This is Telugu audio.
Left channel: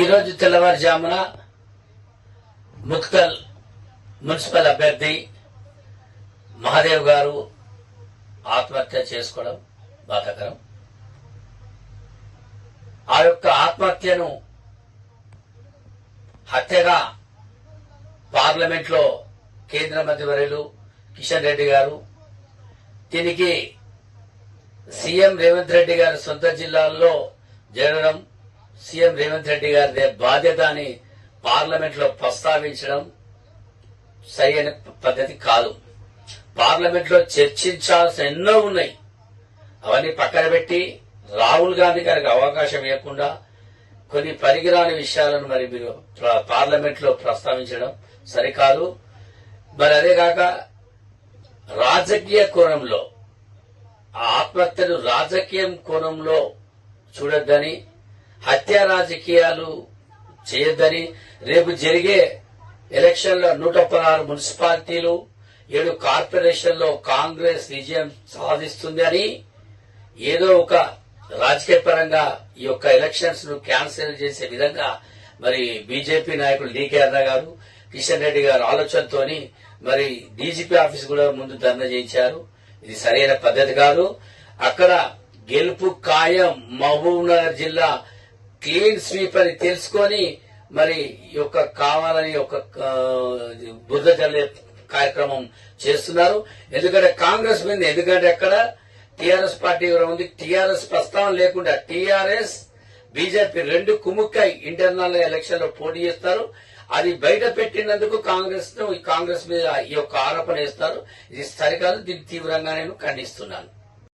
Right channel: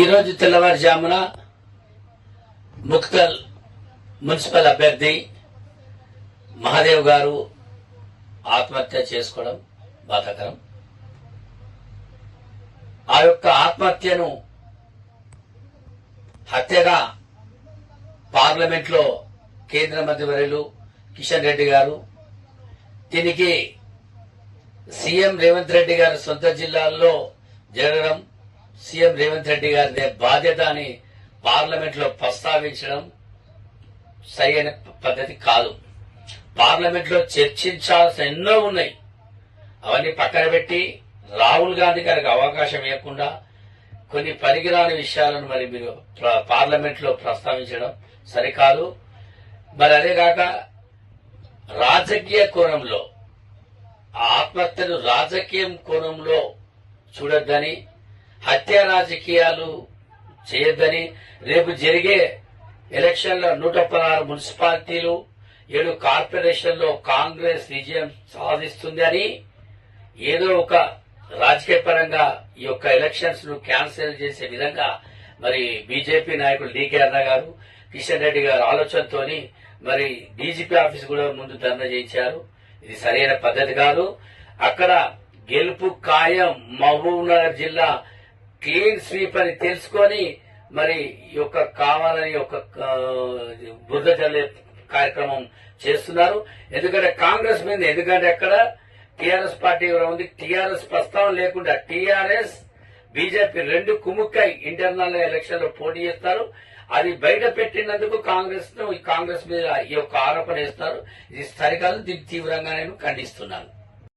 ఈరోజు తెల్లవారుజామున ముక్తల్ మున్సిపల్ అభ్యర్థి మహాదేవ్ గారు ఆత్మహత్య చేసుకోవడం బాధాకరం. ఆ యొక్క ఆత్మహత్యను హత్యగా పార్లమెంట్ లో కేంద్ర మంత్రివర్యులు కిషన్ రెడ్డి గారు దీనికి సీఎం రేవంత్ రెడ్డి గారు సొంత జిల్లాల్లో జరగడం, సీఎం రేవంత్ రెడ్డి గారి బాధ్యత అని పార్లమెంట్ లో ప్రస్తావించడం సరైన పద్ధతి కాదు. పార్లమెంట్ లో చర్చించాల్సిన ఎన్నో ఉన్నాయి, అవన్నీ పక్కన పెట్టి రాహుల్ గాంధీ గారికి అవకాశం ఇవ్వకుండా కొన్ని పనికిరాని విషయాలను మరి మీరు పార్లమెంట్ లో ప్రస్తావించడం సరికాదు. మరి అదే కాక రాజకీయ కోణంలో ఆ ఆత్మహత్యను రాజకీయం కోణంలో చూడొద్దని, హత్య రాజకీయాలు చేయొద్దని, రేపు జరిగే ఎలక్షన్లో 116 మున్సిపాలిటీలు 7 కార్పొరేషన్లో కాంగ్రెస్ విజయం సాధిస్తుంది అని ఏదో ఒక రాజకీయ పరంగా ఈ యొక్క ఎలక్షన్స్ ను క్యాన్సిల్ చేసే విధంగా మరి బీజేపీ నాయకులు డీకే అన్న గారు, కిషన్ రెడ్డి గారు ఆలోచనతోని మరి డీజీపీ ఆఫీస్ కూడా ముందు ధర్నా చేయించారు. ఇది సరైన పద్ధతి కాదు. అక్కడ గెలుపు ఖాయం. మహబూబ్నగర్ జిల్లా క్లీన్ స్వీప్ అని తెలుసుకొని మరి ఈ యొక్క కావాలని ఒక బురద జల్లే కార్యక్రమం చేస్తున్నారు. ఎందుకంటే కాంగ్రెస్ మీద, ఎందుకంటే అక్కడ టీఆర్ఎస్ పార్టీ కూడా ఉంది. టీఆర్ఎస్ ప్రస్తావన లేకుండా టీఆర్ఎస్ బీజేపీ రెండు కుముక్కై ఇంటర్నల్ ఎలక్షన్ లో పోటీ చేస్తారు. అది బయట పెట్టినందుకు కాంగ్రెస్ మీద ఈ యొక్క ఆరోపణ చేస్తారు. ఇది సరికాదు. దీన్ని తీవ్రంగా నేను ఖండిస్తున్నాను.